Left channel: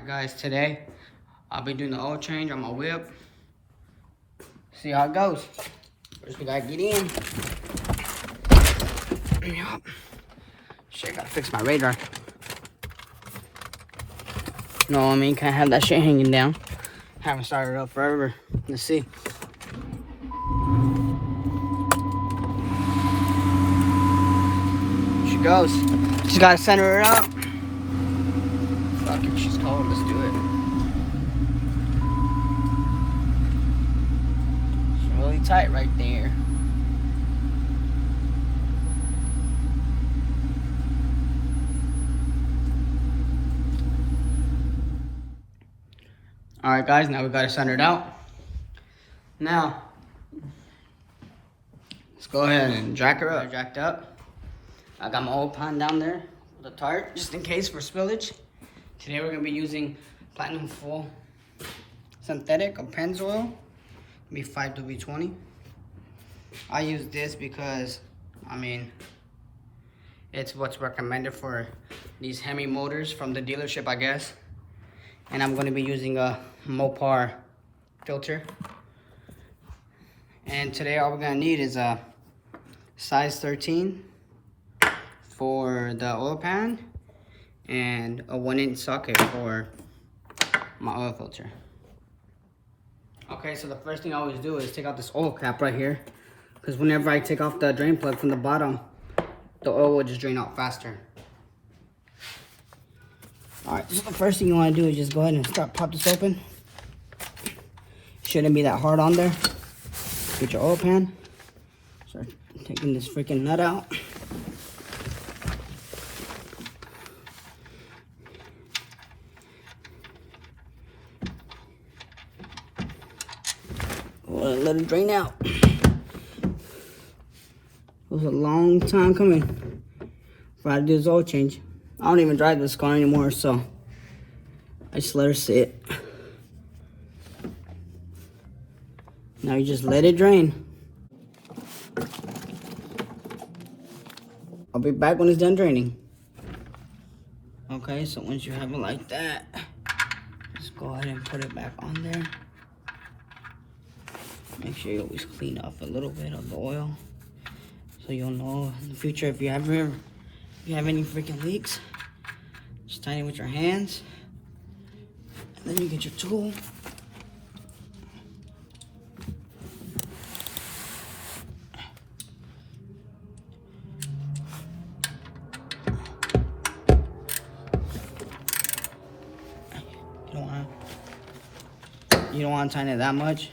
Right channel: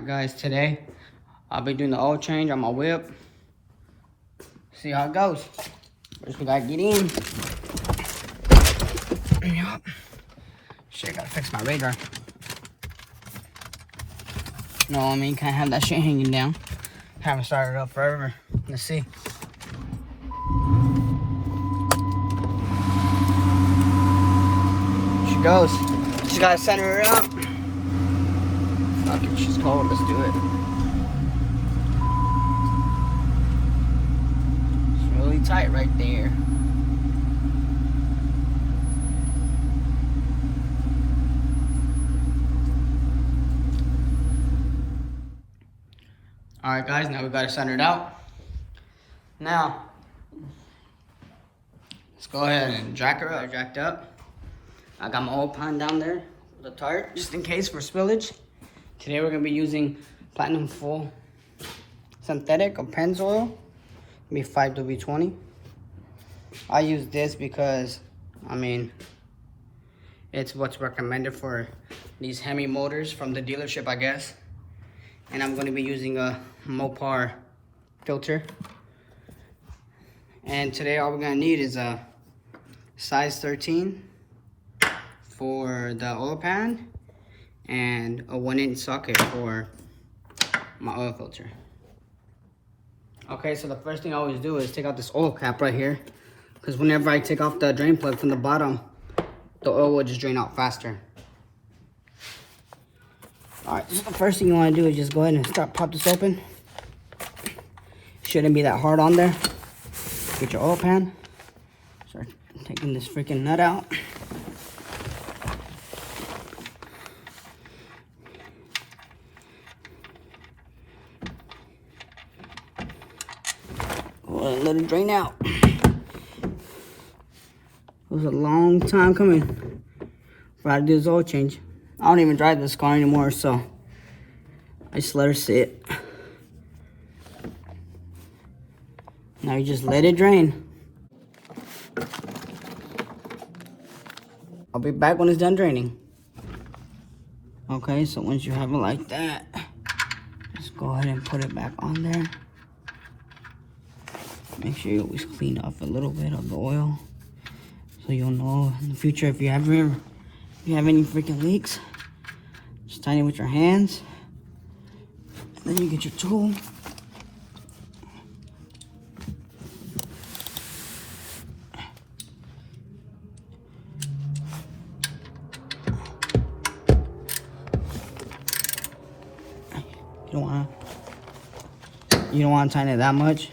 Alright guys, today I'll be doing the oil change on my whip. See how it goes. First we gotta get in. Yup. Shit, gotta fix my radar. You know what I mean? Can't have that shit hanging down. Haven't started up forever. Let's see. She goes. Just gotta center her up. Fuck it, she's cold. Let's do it. It's really tight right there. Alright guys, now we got it centered out. Now, let's go ahead and jack her up. Jacked up. I got my old pan down there with a tart, just in case for spillage. Today we're gonna be using Platinum Full Synthetic or Pennzoil. Be 5W20. I use this because, I mean, it's what's recommended for these Hemi motors from the dealership, I guess. And I'm gonna be using a Mopar filter. And today all we're gonna need is a size 13 for the oil pan and a 1-inch socket for my oil filter. Okay, so the first thing I always do is take out this oil cap right here, because whenever I take off the drain plug from the bottom, the oil will just drain out faster. Alright, the first thing you want to do is just go ahead and pop this open. Shouldn't be that hard on there. Get your oil pan. Start taking this freaking nut out. Let it drain out. It was a long time coming for I to do this oil change. I don't even drive this car anymore, so I just let her sit. Now you just let it drain. I'll be back when it's done draining. Okay, so once you have it like that, just go ahead and put it back on there. Make sure you always clean off a little bit of the oil, so you'll know in the future if you have any freaking leaks. Just tighten it with your hands. Then you get your tool. You don't want to tighten it that much.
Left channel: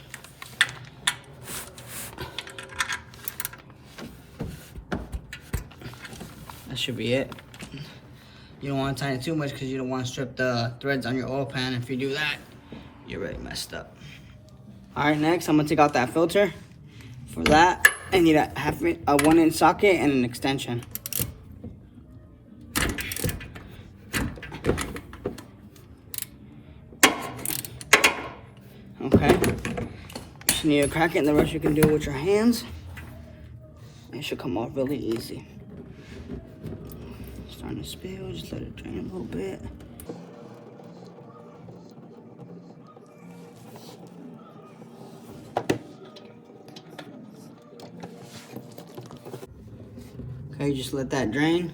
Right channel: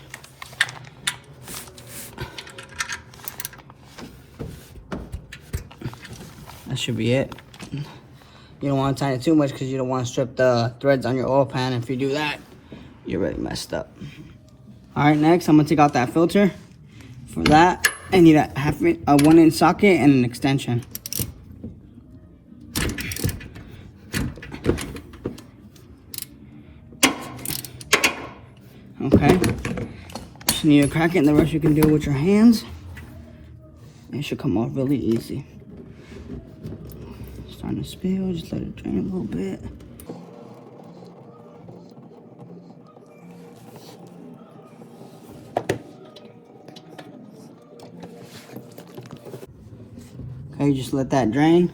That should be it. You don't want to tighten it too much because you don't want to strip the threads on your oil pan. If you do that, you're really messed up. Alright, next I'm going to take out that filter. For that, I need a 1-inch socket and an extension. Okay. Just need to crack it, and the rest you can do with your hands. It should come off really easy. Starting to spill, just let it drain a little bit. Okay, just let that drain.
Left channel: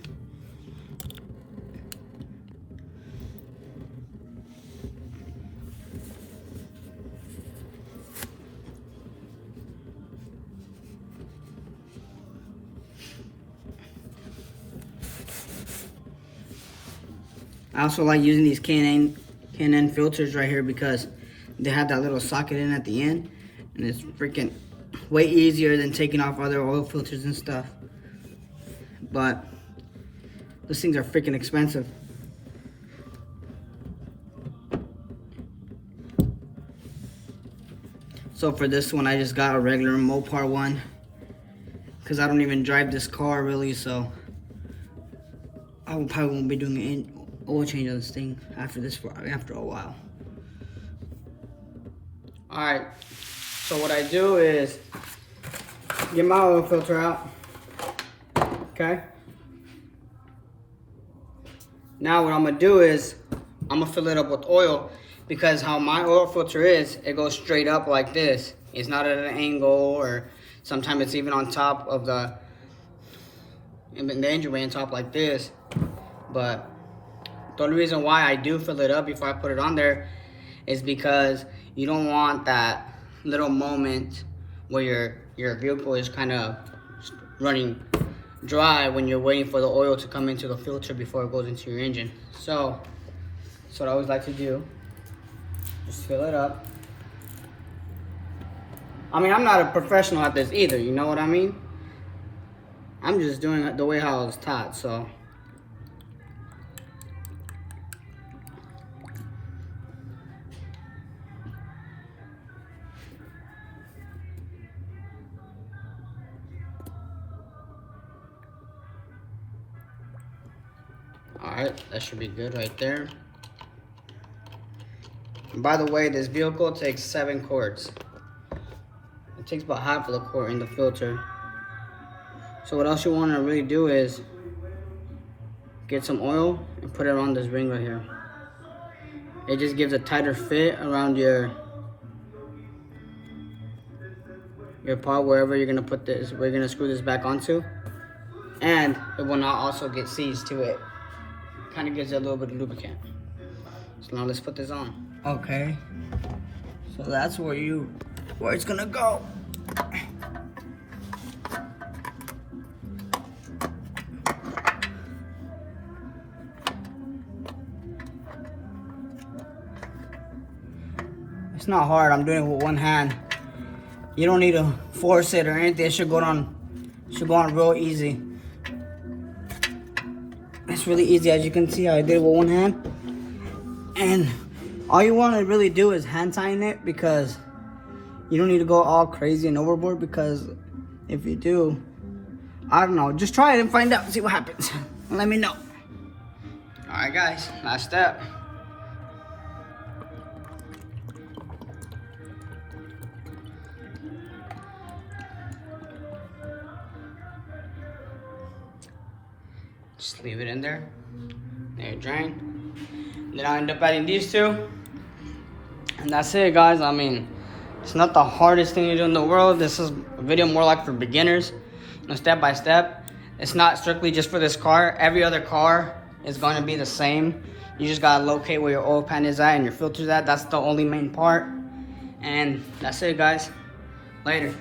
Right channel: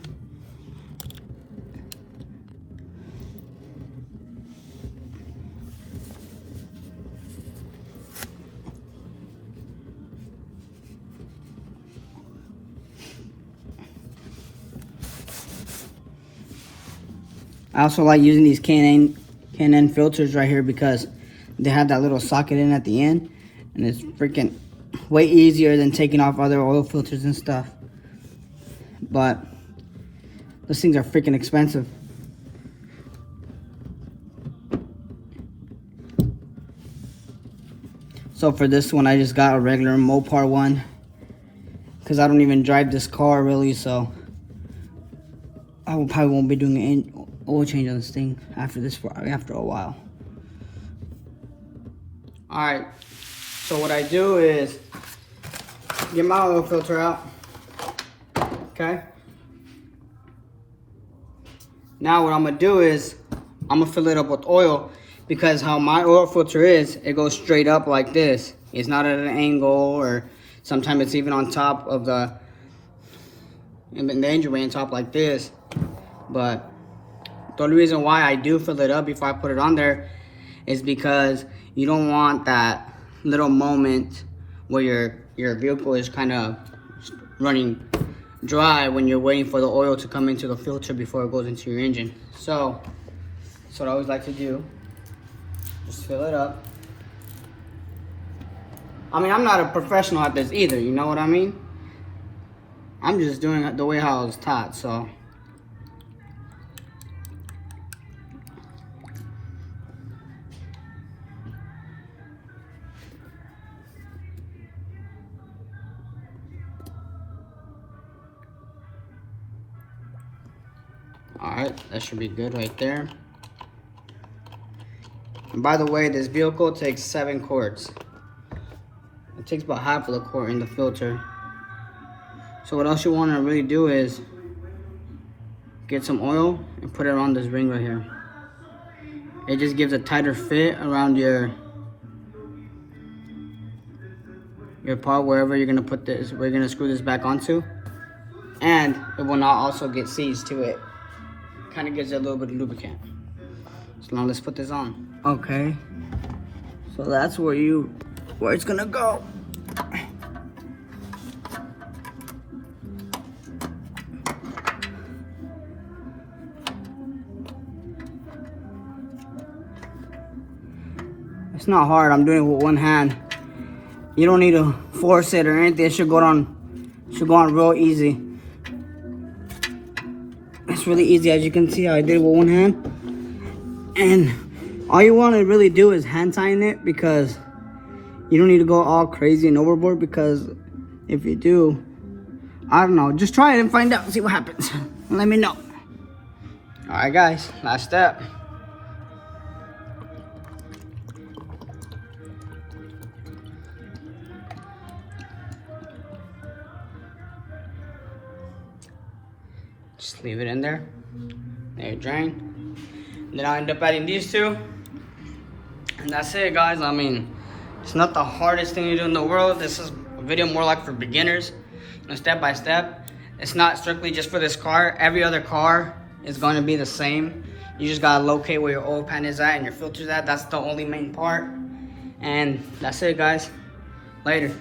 I also like using these K&N filters right here because they have that little socket in at the end, and it's freaking way easier than taking off other oil filters and stuff. But those things are freaking expensive. So for this one, I just got a regular Mopar one because I don't even drive this car really, so I probably won't be doing any oil change on this thing after a while. Alright, so what I do is get my oil filter out. Okay. Now what I'm gonna do is I'm gonna fill it up with oil because how my oil filter is, it goes straight up like this. It's not at an angle, or sometimes it's even on top of the engine way on top like this. But the only reason why I do fill it up before I put it on there is because you don't want that little moment where your vehicle is kind of running dry when you're waiting for the oil to come into the filter before it goes into your engine. So that's what I always like to do. Just fill it up. I mean, I'm not a professional at this either, you know what I mean? I'm just doing it the way how I was taught, so. Alright, that should be good right there. And by the way, this vehicle takes 7 quarts. It takes about half of the quart in the filter. So what else you want to really do is get some oil and put it on this ring right here. It just gives a tighter fit around your part, wherever you're gonna put this, we're gonna screw this back onto. And it will not also get seized to it. Kind of gives it a little bit of lubricant. So now let's put this on. Okay. So that's where it's gonna go. It's not hard, I'm doing it with one hand. You don't need to force it or anything. It should go on real easy. It's really easy, as you can see how I did it with one hand. And all you want to really do is hand tighten it, because you don't need to go all crazy and overboard, because if you do, I don't know, just try it and find out and see what happens. Let me know. Alright guys, last step. Just leave it in there. Let it drain. Then I'll end up adding these two. And that's it, guys. I mean, it's not the hardest thing to do in the world. This is a video more like for beginners. Step by step. It's not strictly just for this car. Every other car is going to be the same. You just got to locate where your oil pan is at and your filter's at. That's the only main part. And that's it, guys. Later.